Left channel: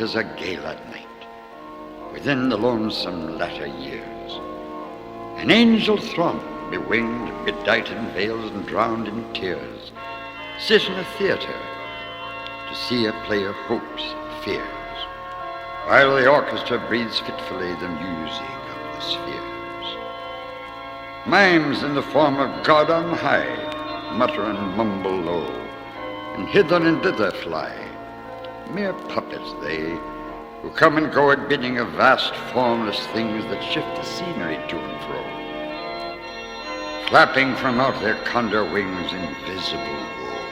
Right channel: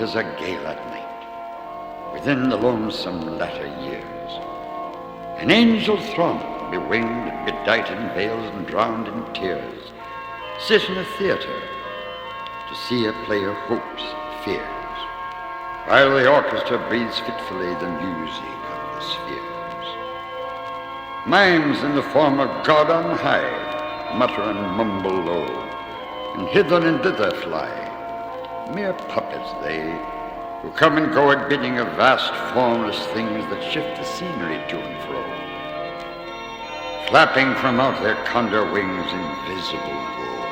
'tis a gale at night, within the lonesome latter years. An angel throng, bewinged, bedight in veils and drowned in tears, sit in a theatre to see a play of hopes and fears, while the orchestra breathes fitfully the music of the spheres. Mimes in the form of God on high mutter and mumble low, and hither and thither fly, mere puppets they, who come and go at bidding of vast formless things that shift the scenery to and fro, flapping from out their condor wings invisible woe.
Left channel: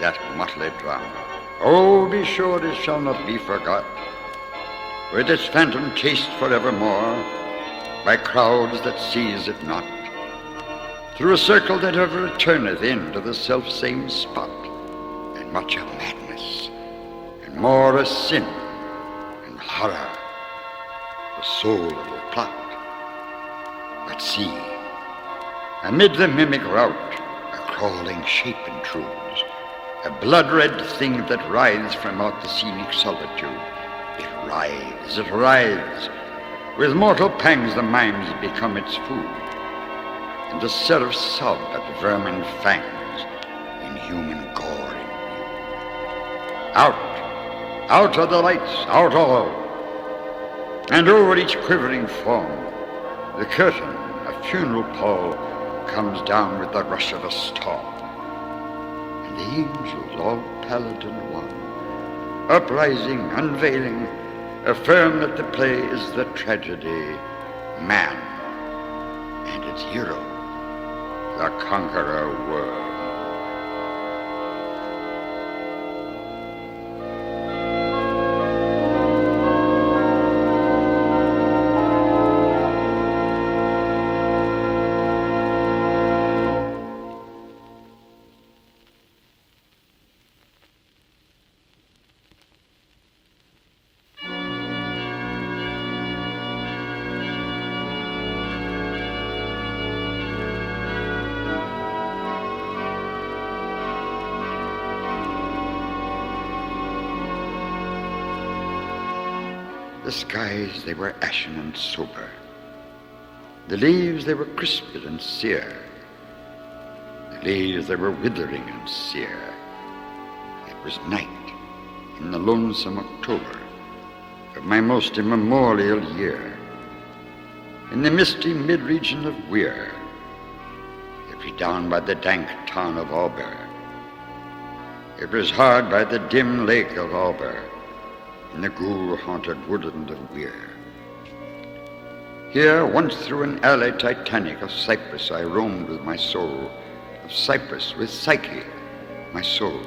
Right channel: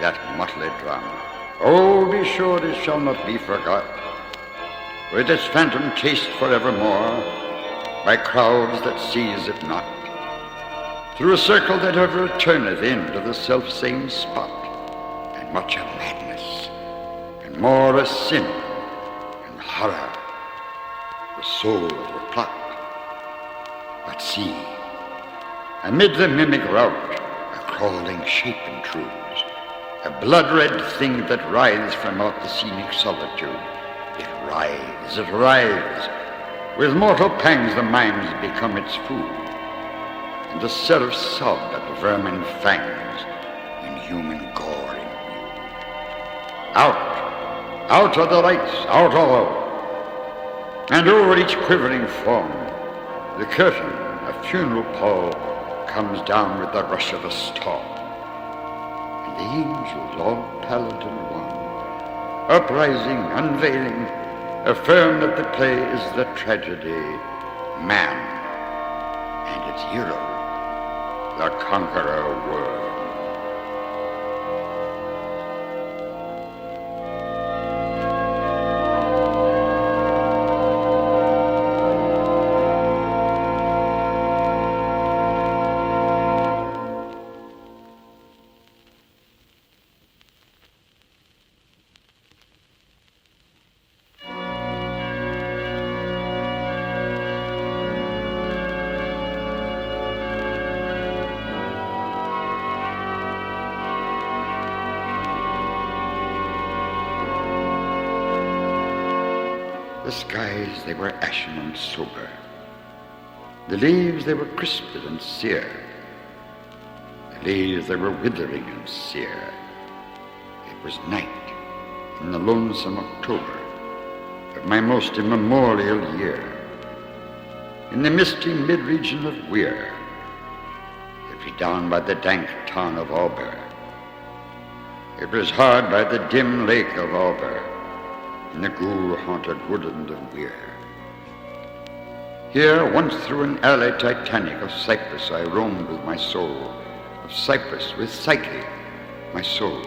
That motley drama, oh, be sure it shall not be forgot, with its phantom chased forevermore by crowds that seize it not, through a circle that ever returneth in to the self-same spot, and much of madness, and more of sin, and horror, the soul of the plot. But see, amid the mimic rout, a crawling shape intrudes, a blood-red thing that writhes from out the scenic solitude. It writhes. With mortal pangs the mimes become its food, and the seraphs sob at vermin fangs in human gore imbued. Out of the lights, out all, and over each quivering form the curtain, a funeral pall, comes down with the rush of a storm, and the angels, all pallid and wan, uprising, unveiling, affirm that the play is the tragedy, man, and its hero, the Conqueror Worm. The skies, they were ashen and sober. The leaves, they were crisped and sere. The leaves, they were withering and sere. It was night in the lonesome October of my most immemorial year, in the misty mid-region of Weir, it was down by the dank town of Auber. It was hard by the dim lake of Auber, in the ghoul-haunted woodland of Weir. Here, once through an alley titanic of cypress, I roamed with my soul, of cypress with Psyche, my soul.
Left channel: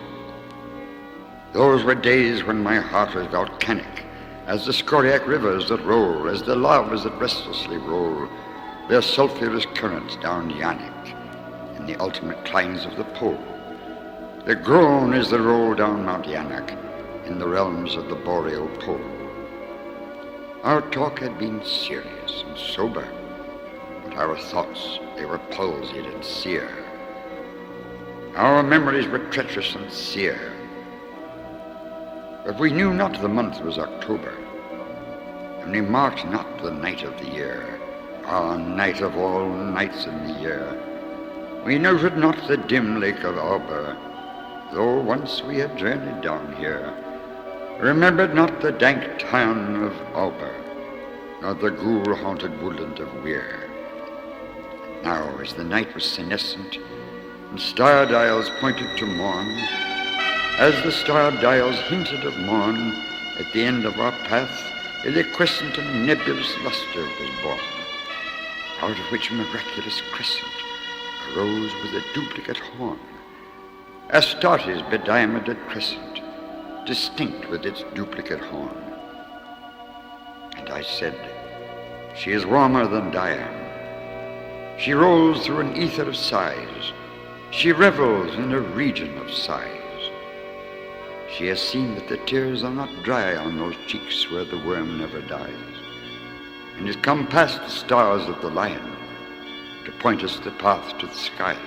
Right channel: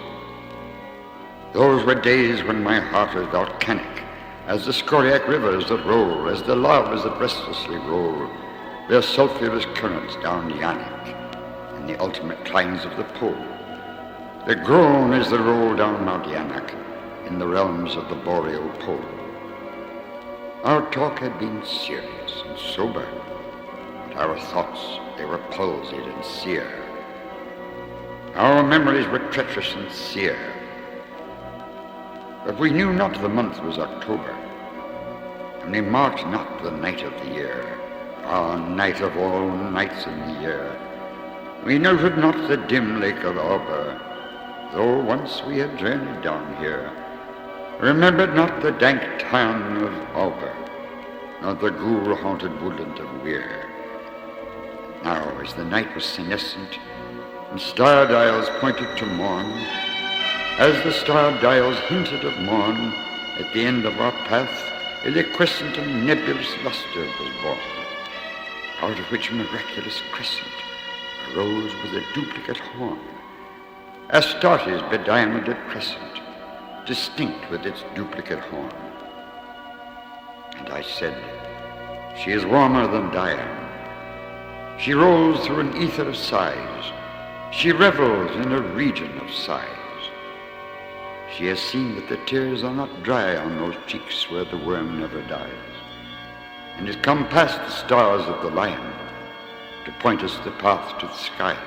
Those were days when my heart was volcanic, as the scoriac rivers that roll, as the lavas that restlessly roll their sulphurous currents down Yaanek, in the ultimate climes of the pole. The groan is the roll down Mount Yaanek, in the realms of the boreal pole. Our talk had been serious and sober, but our thoughts, they were palsied and sere. Our memories were treacherous and sere. But we knew not the month was October, and we marked not the night of the year, night of all nights in the year. We noted not the dim lake of Auber, though once we had journeyed down here, remembered not the dank town of Auber, nor the ghoul-haunted woodland of Weir. And now, as the night was senescent, and star dials pointed to morn, as the star dials hinted of morn, at the end of our path, a liquescent and nebulous luster was born, out of which a miraculous crescent arose with a duplicate horn, Astarte's bediamonded crescent, distinct with its duplicate horn. And I said, she is warmer than Diane. She rolls through an ether of sighs. She revels in a region of sighs. She has seen that the tears are not dry on those cheeks where the worm never dies, and has come past the stars of the lion to point us the path to the skies,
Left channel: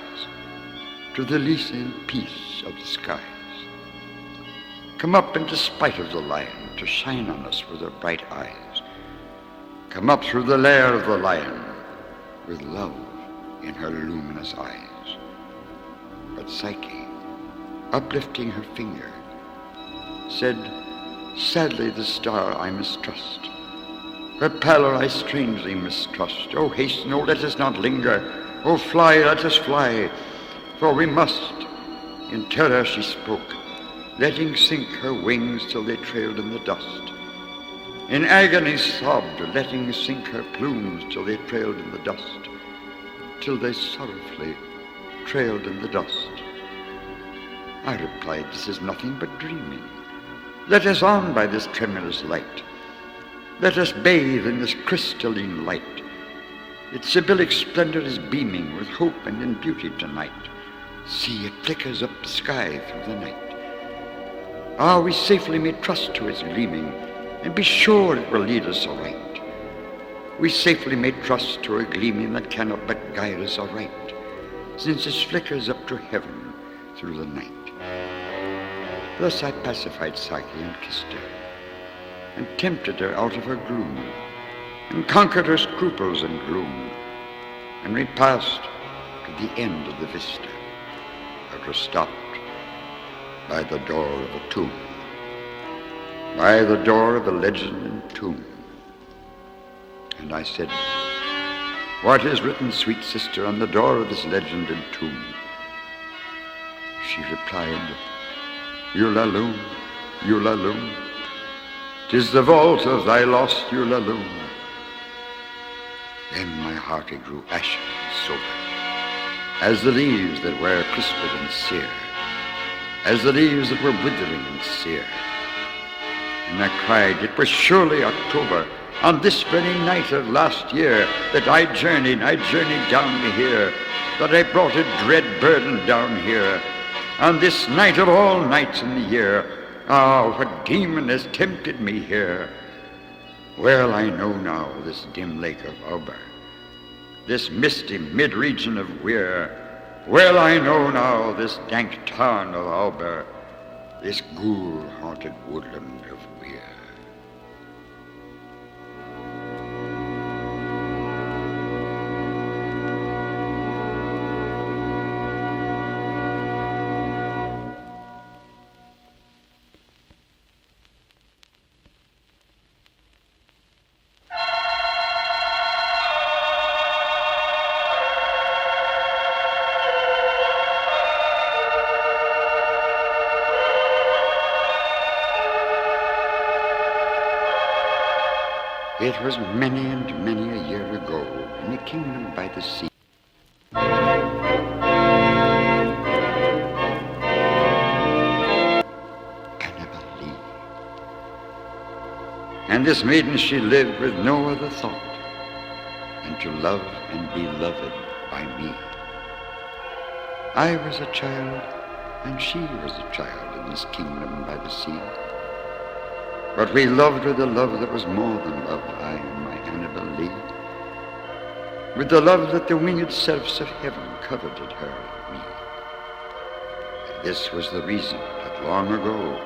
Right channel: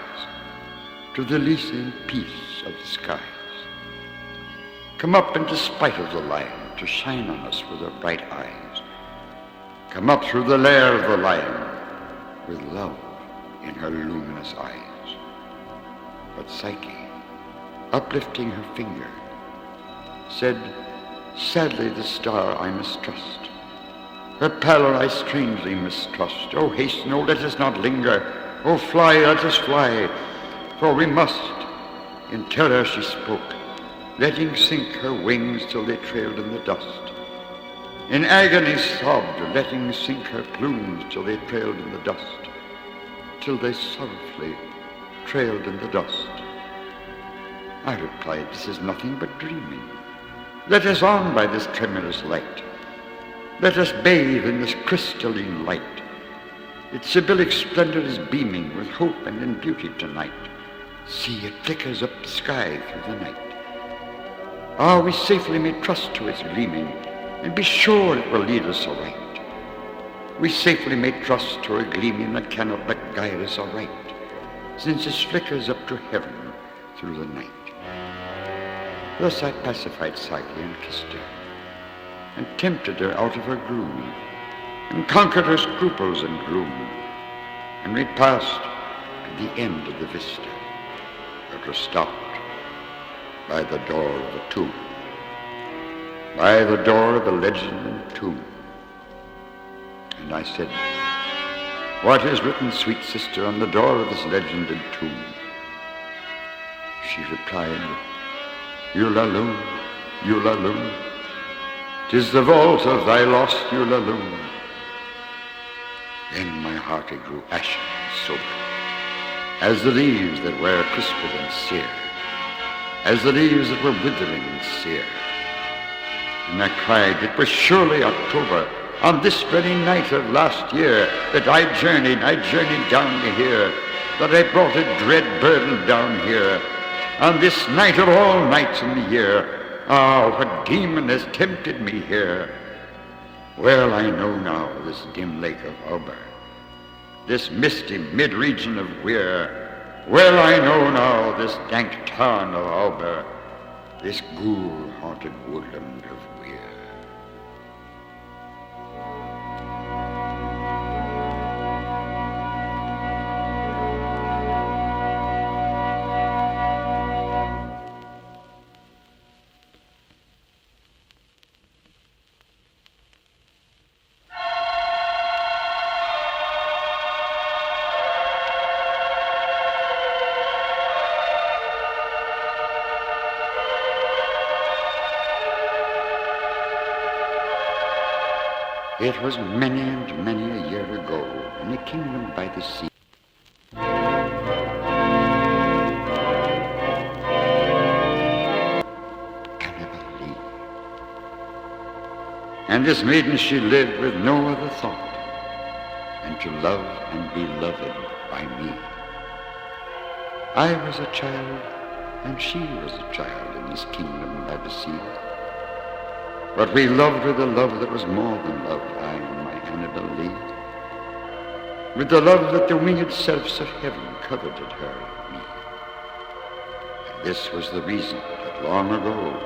to the Elysian peace of the skies. come up in despite of the lion to shine on us with her bright eyes. Come up through the lair of the lion with love in her luminous eyes. But Psyche, uplifting her finger, said, sadly the star I mistrust. Her pallor I strangely mistrust. Oh, hasten, oh, let us not linger. Oh, fly, let us fly, for we must. In terror she spoke, letting sink her wings till they trailed in the dust. In agony sobbed, letting sink her plumes till they trailed in the dust, till they sorrowfully trailed in the dust. I replied, this is nothing but dreaming. Let us on by this tremulous light. Let us bathe in this crystalline light. Its Sibyllic splendor is beaming with hope and in beauty tonight. See, it flickers up the sky through the night. Ah, we safely may trust to its gleaming, and be sure it will lead us aright. We safely may trust to a gleaming that cannot but guide us aright, since it flickers up to heaven through the night. Thus I pacified Psyche and kissed her, and tempted her out of her gloom, and conquered her scruples and gloom, and we passed to the end of the vista, but were stopped by the door of a tomb, by the door of a legend and tomb. And I said, what is written, sweet sister, on the door of this legend and tomb? She replied, Ulalume, Ulalume, 'tis the vault of thy lost Ulalume. Then my heart it grew ashen and sober, as the leaves that were crisped and sere, as the leaves that were withering and sere. And I cried, it was surely October, on this very night of last year, that I journeyed down to here, that I brought a dread burden down here, on this night of all nights in the year. Ah, what demon has tempted me here? Well, I know now this dim lake of Auber, this misty mid-region of Weir. Well, I know now this dank tarn of Auber, this ghoul-haunted woodland of Weir. It was many and many a year ago, in a kingdom by the sea. Annabelle Lee. And this maiden she lived with no other thought than to love and be loved by me. I was a child, and she was a child in this kingdom by the sea. But we loved with a love that was more than love, I and my Annabelle Lee, with the love that the winged seraphs of heaven coveted her and me. And this was the reason that long ago,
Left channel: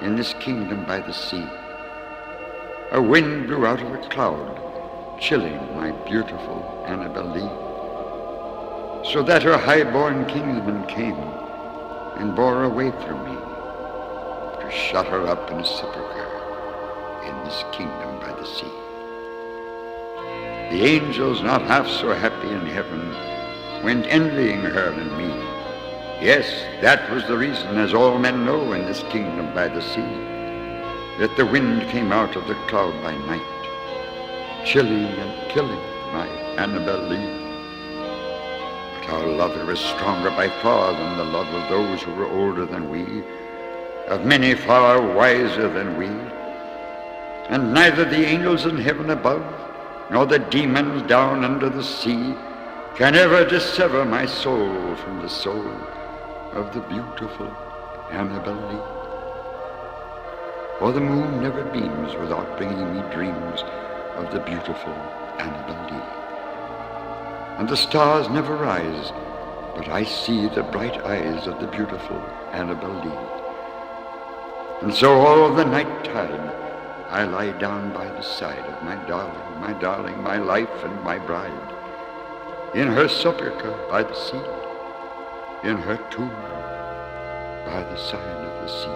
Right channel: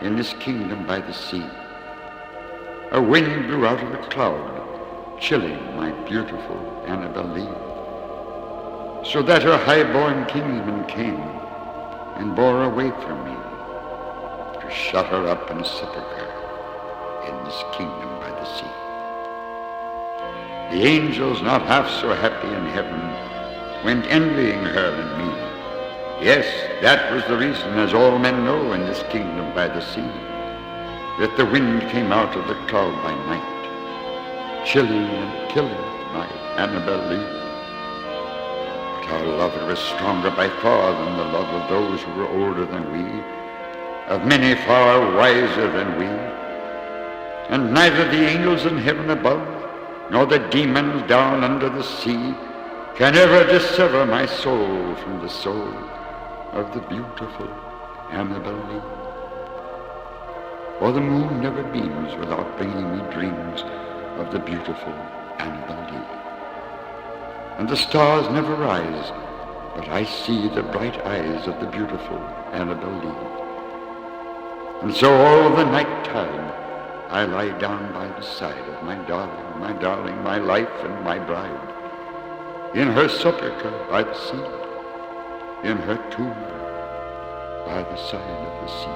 in this kingdom by the sea, a wind blew out of a cloud, chilling my beautiful Annabelle Lee, so that her high-born kinsman came and bore away from me, to shut her up in a sepulchre in this kingdom by the sea. The angels, not half so happy in heaven, went envying her and me. Yes, that was the reason, as all men know in this kingdom by the sea, that the wind came out of the cloud by night, chilling and killing my Annabelle Lee. But our love was stronger by far than the love of those who were older than we, of many far wiser than we. And neither the angels in heaven above, nor the demons down under the sea, can ever dissever my soul from the soul of the beautiful Annabelle Lee. For the moon never beams without bringing me dreams of the beautiful Annabelle Lee. And the stars never rise, but I see the bright eyes of the beautiful Annabelle Lee. And so all the night tide I lie down by the side of my darling, my life and my bride, in her sepulchre by the sea, in her tomb by the side of the sea.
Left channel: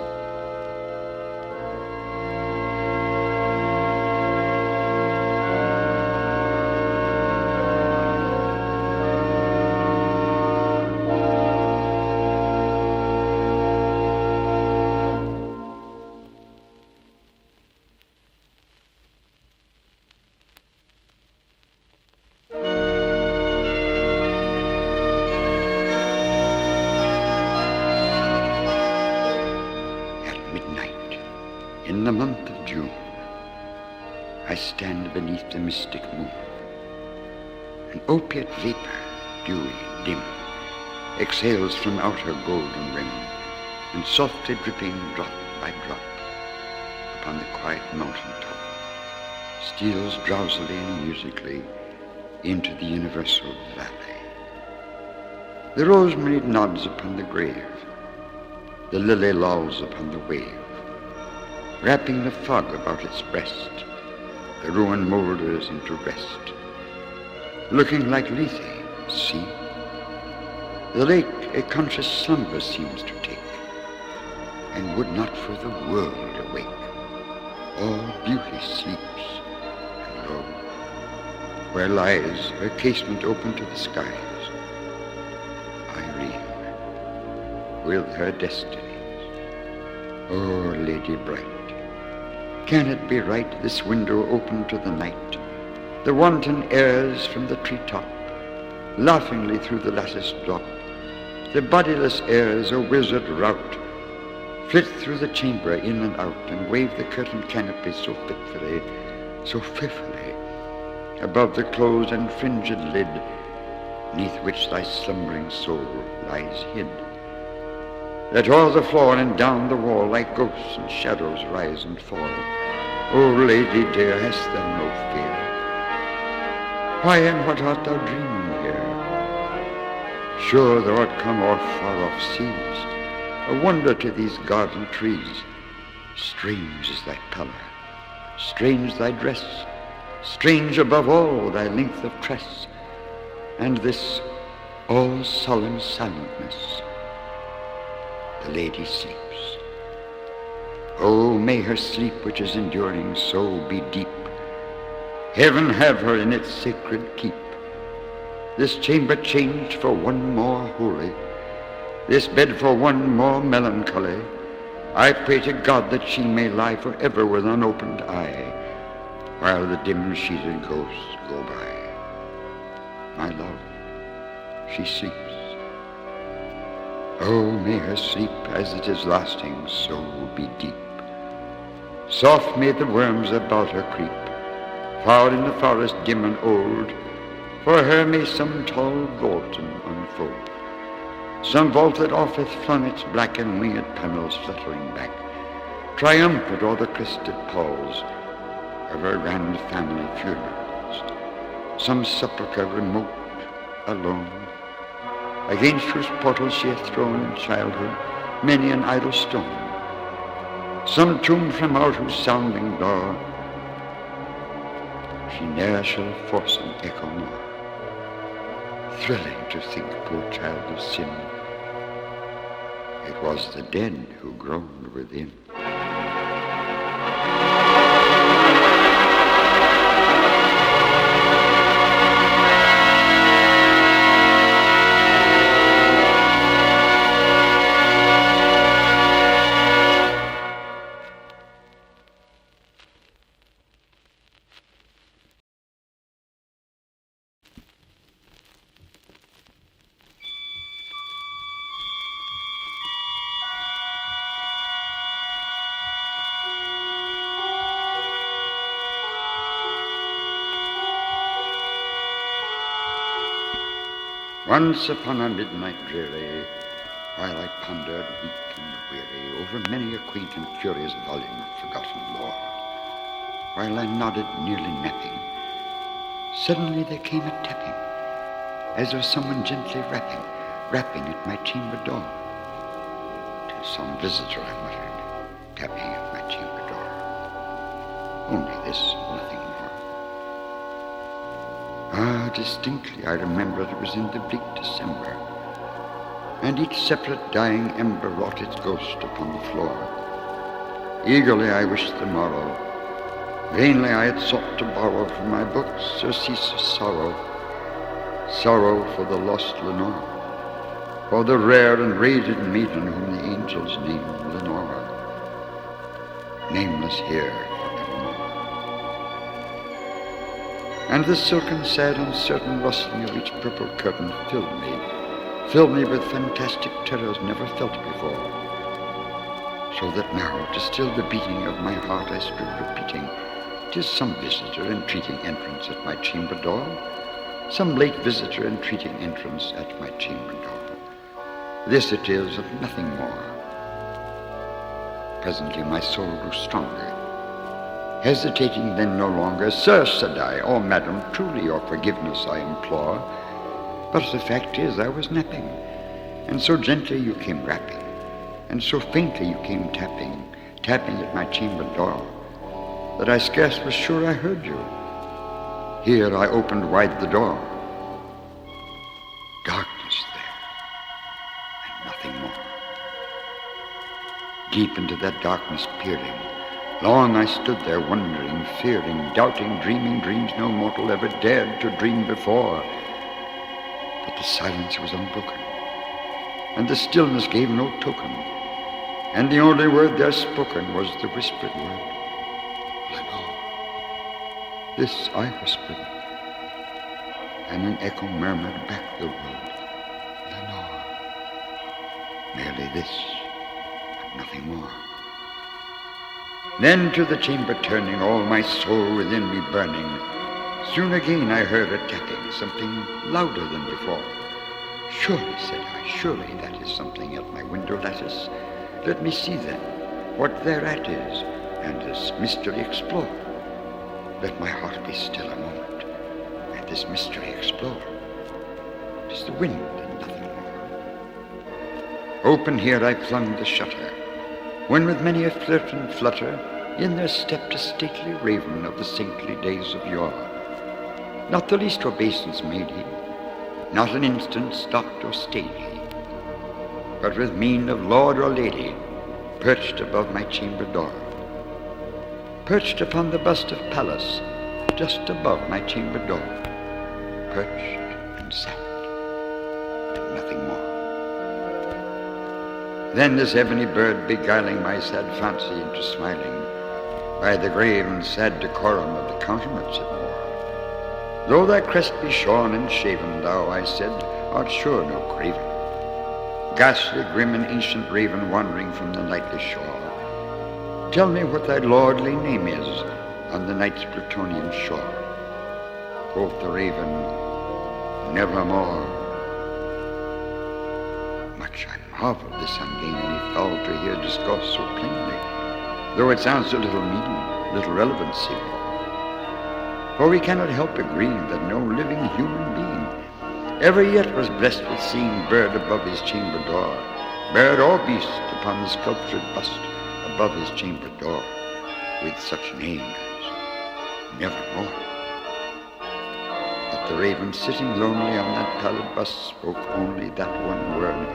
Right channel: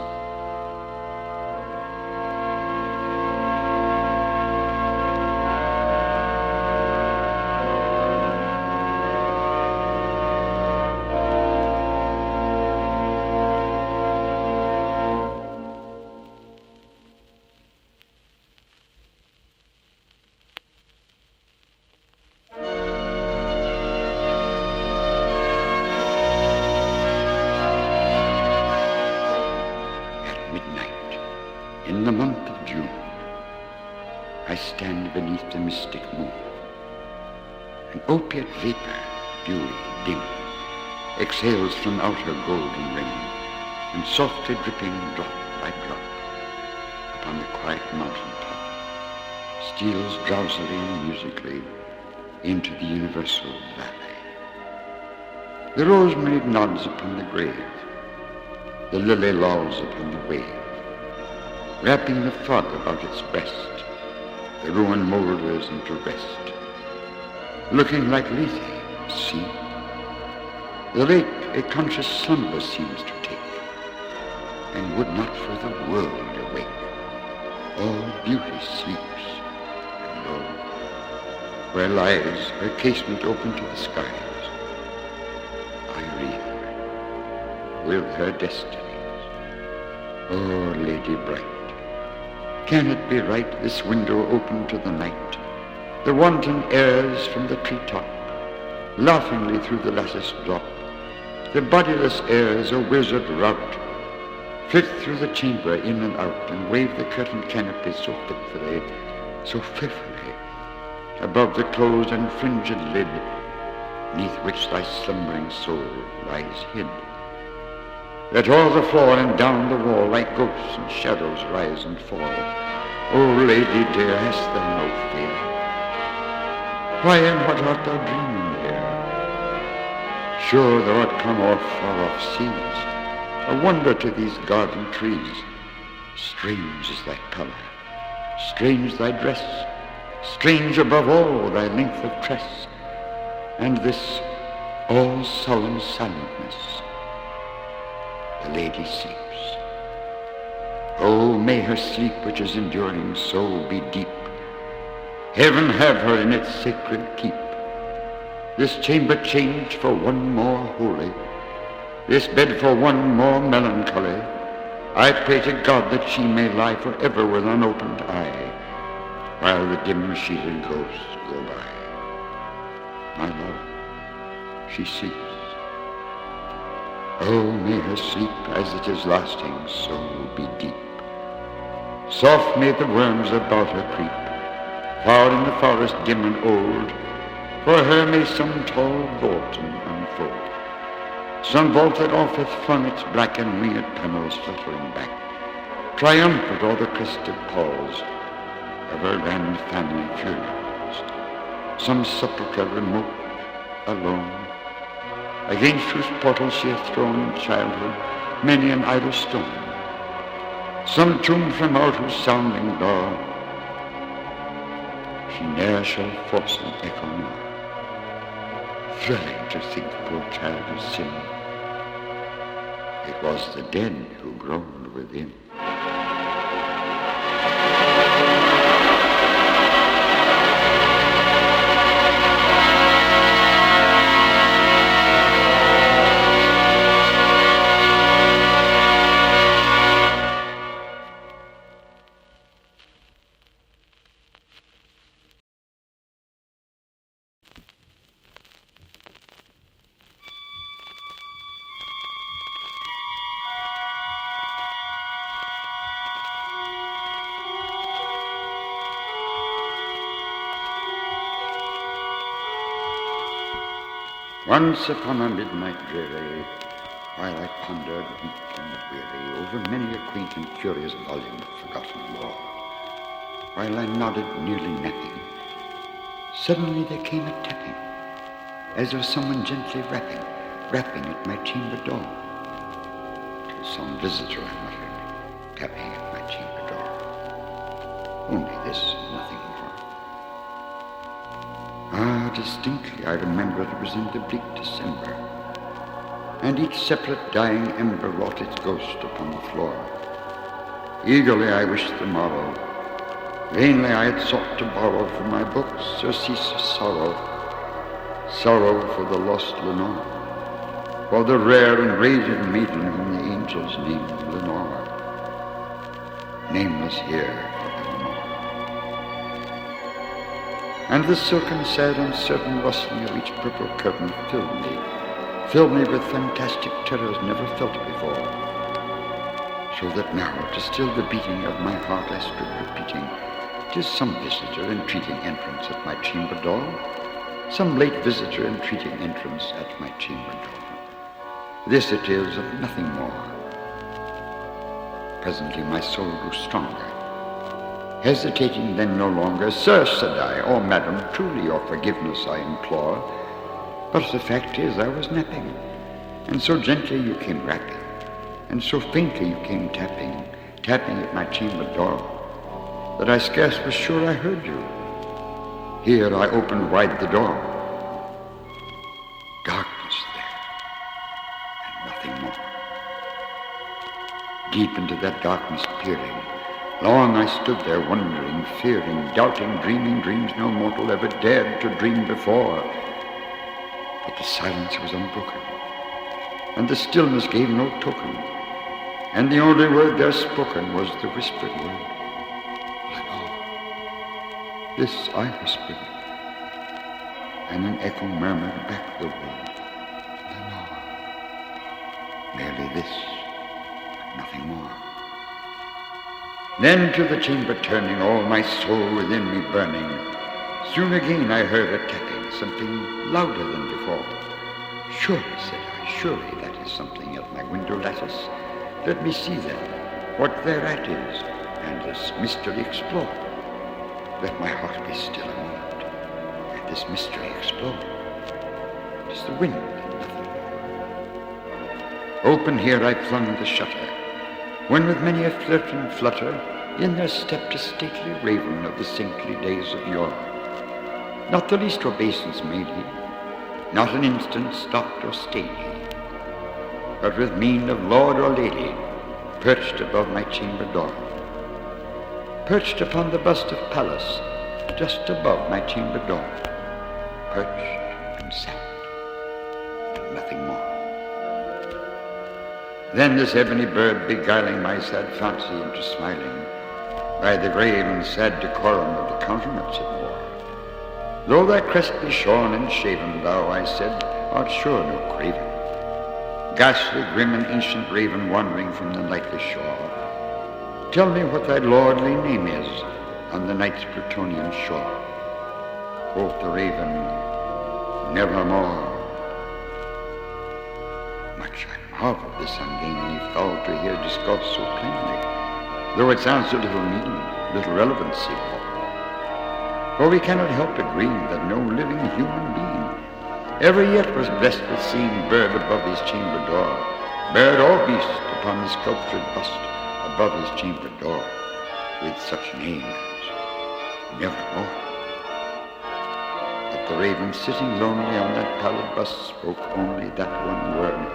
Midnight, in the month of June, I stand beneath the mystic moon. An opiate vapor, dewy, dim, exhales from out her golden rim, and softly dripping drop by drop upon the quiet mountain top, steals drowsily and musically into the universal valley. The rosemary nods upon the grave, the lily lolls upon the wave, wrapping the fog about its breast. The ruin moulders into rest, looking like Lethe, see. The lake a conscious slumber seems to take, and would not for the world awake. All beauty sleeps, and lo, where lies her casement open to the skies, Irene, with her destinies. Oh, lady bright, can it be right, this window open to the night, the wanton airs from the treetop, laughingly through the lattice drop, the bodiless airs, a wizard rout, flit through the chamber in and out, and wave the curtained canopy so fitfully, so fearfully, above the closed and fringed lid, neath which thy slumbering soul lies hid, that o'er the floor and down the wall like ghosts and shadows rise and fall. O lady dear, hast thou no fear? Why and what art thou dreaming here? Sure thou art come o'er far-off seas, a wonder to these garden trees. Strange is thy pallor, strange thy dress, strange above all thy length of tress, and this all solemn silentness. The lady sleeps. Oh, may her sleep which is enduring so be deep. Heaven have her in its sacred keep. This chamber changed for one more holy, this bed for one more melancholy. I pray to God that she may lie forever with unopened eye, while the dim-sheeted ghosts go by. My love, she sleeps. Oh, may her sleep, as it is lasting, so be deep. Soft may the worms about her creep, far in the forest dim and old. For her may some tall vaulting unfold, some vault that oft hath flung its black and winged panels fluttering back, triumphant o'er the crested palls of her grand family funerals. Some sepulchre remote, alone, against whose portals she hath thrown in childhood many an idle stone. Some tomb from out whose sounding door she ne'er shall force an echo more. Thrilling to think, poor child of sin, it was the dead who groaned within. Once upon a midnight dreary, while I pondered weak and weary over many a quaint and curious volume of forgotten lore, while I nodded nearly napping, suddenly there came a tapping, as of someone gently rapping at my chamber door. "'Tis some visitor," I muttered, tapping at my chamber door. Only this, and nothing more. Ah, distinctly I remember it was in the bleak December, and each separate dying ember wrought its ghost upon the floor. Eagerly I wished the morrow. Vainly I had sought to borrow from my books surceaseless sorrow, sorrow for the lost Lenore, for the rare and radiant maiden whom the angels named Lenore, nameless here forevermore. And the silken, sad, uncertain rustling of each purple curtain filled me with fantastic terrors never felt before, so that now, to still the beating of my heart, I stood repeating, "'Tis some visitor entreating entrance at my chamber door, some late visitor entreating entrance at my chamber door. This it is, and nothing more." Presently my soul grew stronger. Hesitating then no longer, "Sir," said I, "or madam, truly your forgiveness I implore. But the fact is I was napping, and so gently you came rapping, and so faintly you came tapping at my chamber door, that I scarce was sure I heard you. Here I opened wide the door. Darkness there, and nothing more. Deep into that darkness peering, long I stood there wondering, fearing, doubting, dreaming dreams no mortal ever dared to dream before. But the silence was unbroken, and the stillness gave no token, and the only word there spoken was the whispered word, "Lenore." This I whispered, and an echo murmured back the word, "Lenore." Merely this, and nothing more. Then to the chamber turning, all my soul within me burning, soon again I heard a tapping, something louder than before. "Surely," said I, "surely that is something at my window lattice. Let me see then what thereat is, and this mystery explore. Let my heart be still a moment, and this mystery explore. 'Tis the wind and nothing more." Open here I flung the shutter, when with many a flirt and flutter in there stepped a stately raven of the saintly days of yore. Not the least obeisance made he, not an instant stopped or stayed he, but with mien of lord or lady perched above my chamber door, perched upon the bust of Pallas just above my chamber door, perched and sat, and nothing more. Then this ebony bird beguiling my sad fancy into smiling, by the grave and sad decorum of the countenance it wore. "Though thy crest be shorn and shaven, thou," I said, "art sure no craven. Ghastly, grim, and ancient raven wandering from the nightly shore, tell me what thy lordly name is on the night's Plutonian shore." Quoth the raven, "Nevermore." Much I marveled this ungainly fowl to hear discourse so plainly, though it sounds a little mean, little relevancy for. For we cannot help agreeing that no living human being ever yet was blessed with seeing bird above his chamber door, bird or beast upon the sculptured bust above his chamber door, with such name as Nevermore. But the raven sitting lonely on that pallid bust spoke only that one word,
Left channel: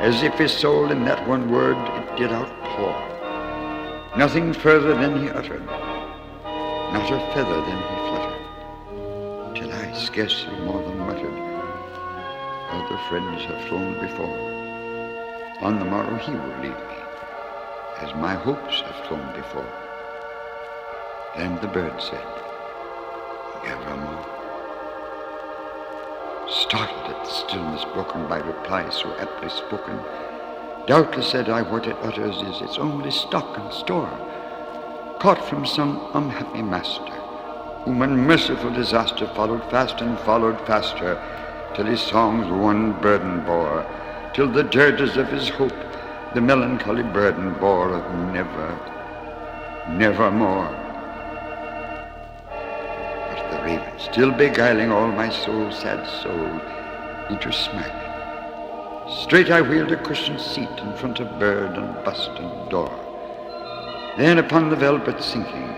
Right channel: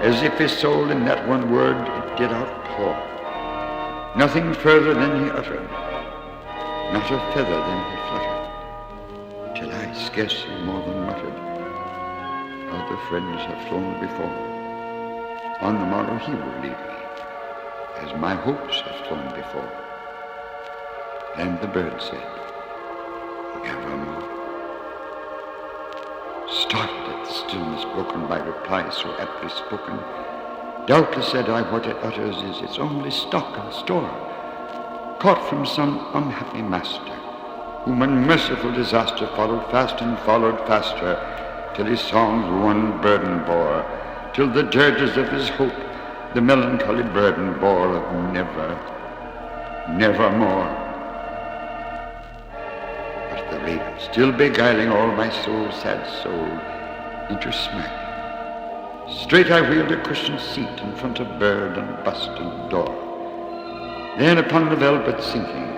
as if his soul in that one word it did outpour. Nothing further than he uttered, not a feather than he fluttered, till I scarcely more than muttered, "Other friends have flown before. On the morrow he will leave me, as my hopes have flown before." Then the bird said, "Nevermore." Startled at the stillness broken by reply so aptly spoken, doubtless, said I, what it utters is its only stock and store, caught from some unhappy master, whom unmerciful disaster followed fast and followed faster, till his songs one burden bore, till the dirges of his hope the melancholy burden bore of nevermore. But the raven, still beguiling all my soul's sad soul into smiling, straight I wheeled a cushioned seat in front of bird and bust and door, Then upon the velvet sinking,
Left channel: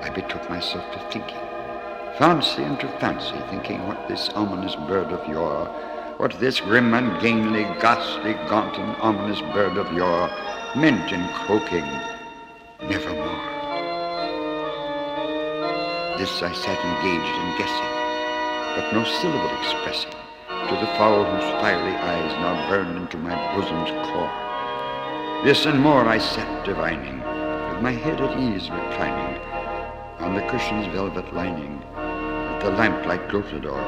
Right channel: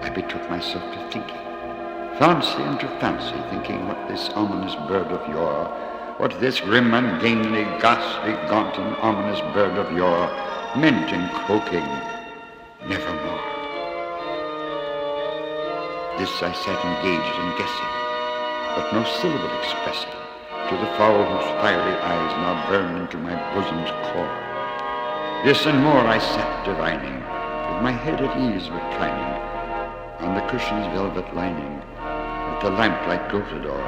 I betook myself to thinking, fancy unto fancy, thinking what this ominous bird of yore, what this grim, ungainly, ghastly, gaunt, and ominous bird of yore meant in croaking, nevermore. This I sat engaged in guessing, but no syllable expressing, to the fowl whose fiery eyes now burn into my bosom's core. This and more I sat divining, with my head at ease reclining, on the cushion's velvet lining, that the lamplight gloated o'er,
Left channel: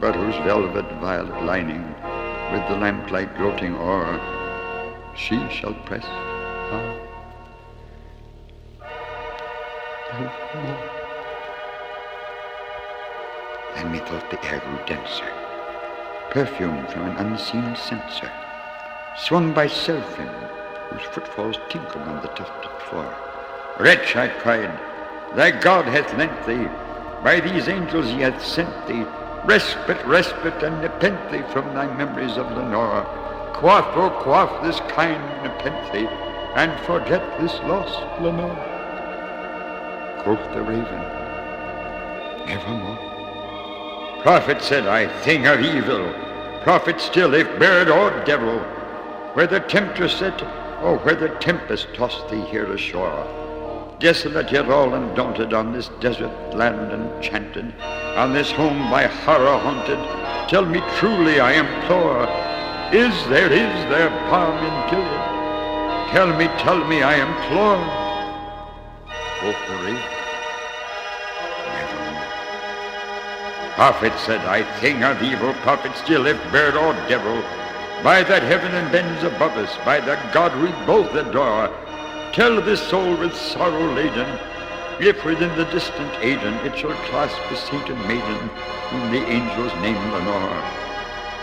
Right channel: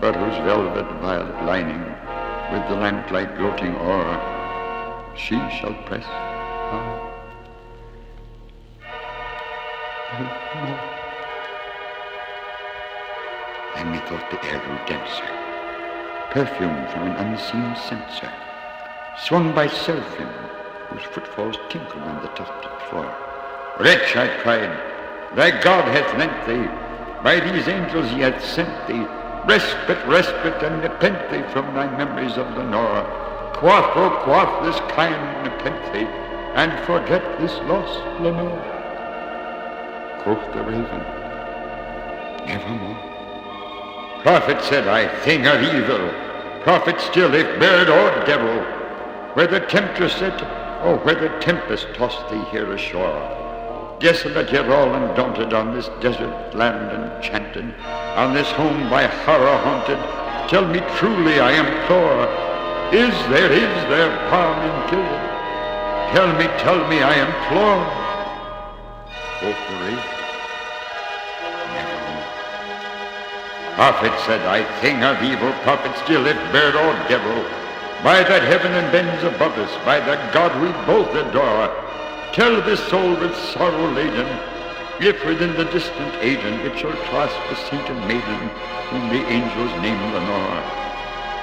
but whose velvet violet lining, with the lamplight gloating o'er, she shall press on. More. Then methought the air grew denser, perfumed from an unseen censer, swung by seraphim, whose footfalls tinkled on the tufted floor. Wretch, I cried, thy God hath lent thee, by these angels he hath sent thee, respite, and nepenthe from thy memories of Lenore. Quaff, oh quaff this kind nepenthe, and forget this lost Lenore. Quoth the raven, nevermore. Prophet, said I, thing of evil, prophet still, if bird or devil, where the temptress said, or where the tempest tossed thee here ashore, desolate yet all undaunted, on this desert land enchanted, on this home by horror haunted, tell me truly, I implore, is there balm in Gilead? Tell me, I implore. Quoth the raven, nevermore. Prophet, said I, thing of evil, prophet still, if bird or devil, by that heaven and bends above us, by that God we both adore, tell this soul with sorrow laden, if within the distant Aden it shall clasp a sainted maiden, whom the angels name Lenore.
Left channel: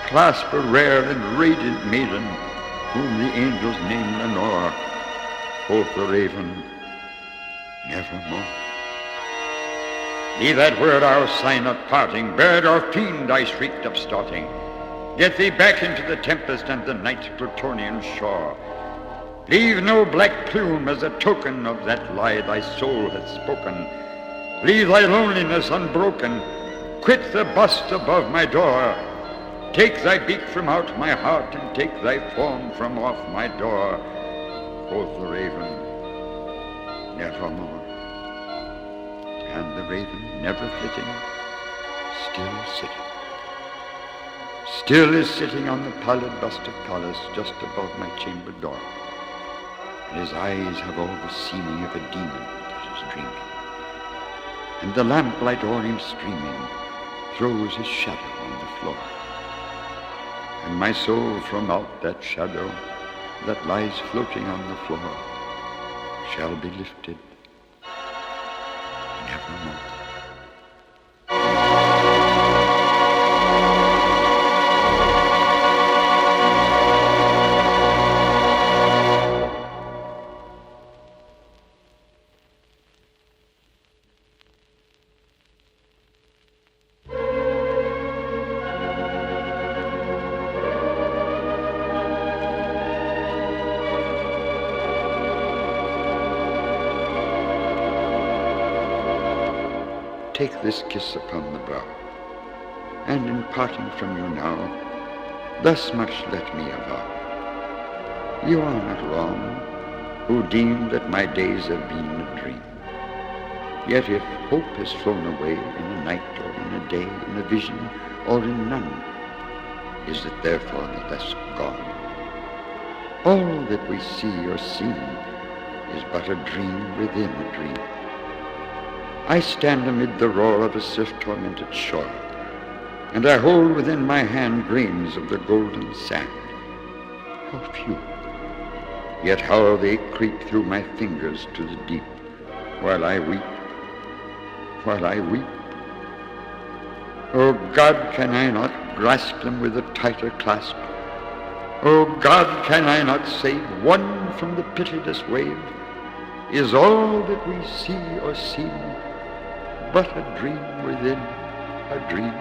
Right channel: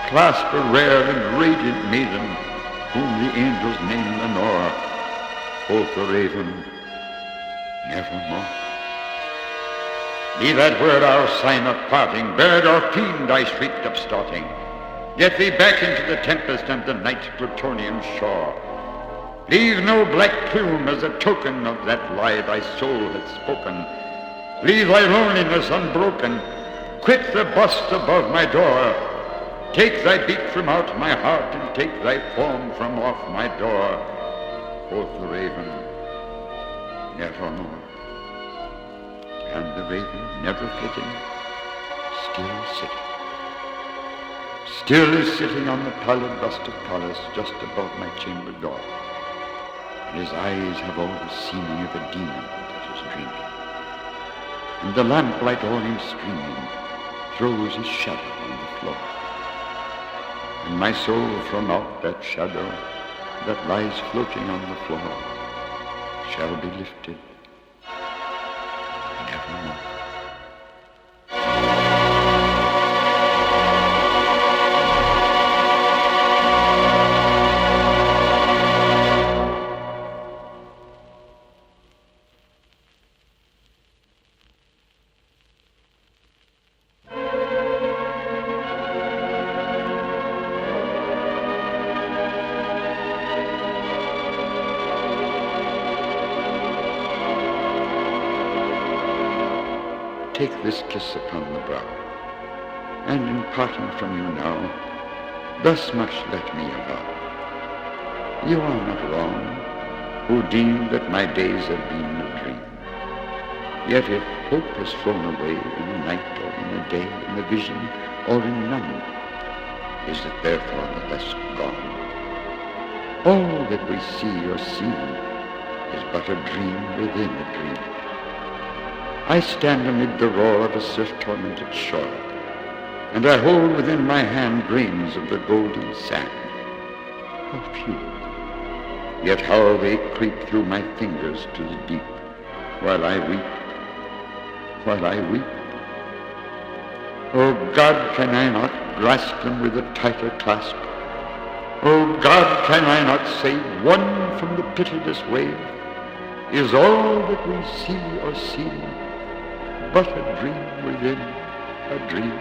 Clasp a rare and radiant maiden, whom the angels name Lenore. Quoth the raven, nevermore. Be that word our sign of parting, bird or fiend, I shrieked upstarting. Get thee back into the tempest and the night's Plutonian shore. Leave no black plume as a token of that lie thy soul hath spoken. Leave thy loneliness unbroken. Quit the bust above my door. Take thy beak from out my heart, and take thy form from off my door. Quoth the raven, nevermore. And the raven, never flitting, still sitting. Still is sitting on the pallid bust of Pallas just above my chamber door. And his eyes have all the seeming of a demon that is dreaming. And the lamplight o'er him streaming throws his shadow on the floor. And my soul from out that shadow that lies floating on the floor shall be lifted nevermore. Take this kiss upon the brow, and in parting from you now, thus much let me avow. You are not wrong, who deem that my days have been a dream. Yet if hope has flown away in a night or in a day, in a vision or in none, is it therefore the less gone? All that we see or seem is but a dream within a dream. I stand amid the roar of a surf-tormented shore, and I hold within my hand grains of the golden sand. How few, yet how they creep through my fingers to the deep, while I weep, while I weep. Oh God, can I not grasp them with a tighter clasp? Oh God, can I not save one from the pitiless wave? Is all that we see or seem but a dream within a dream?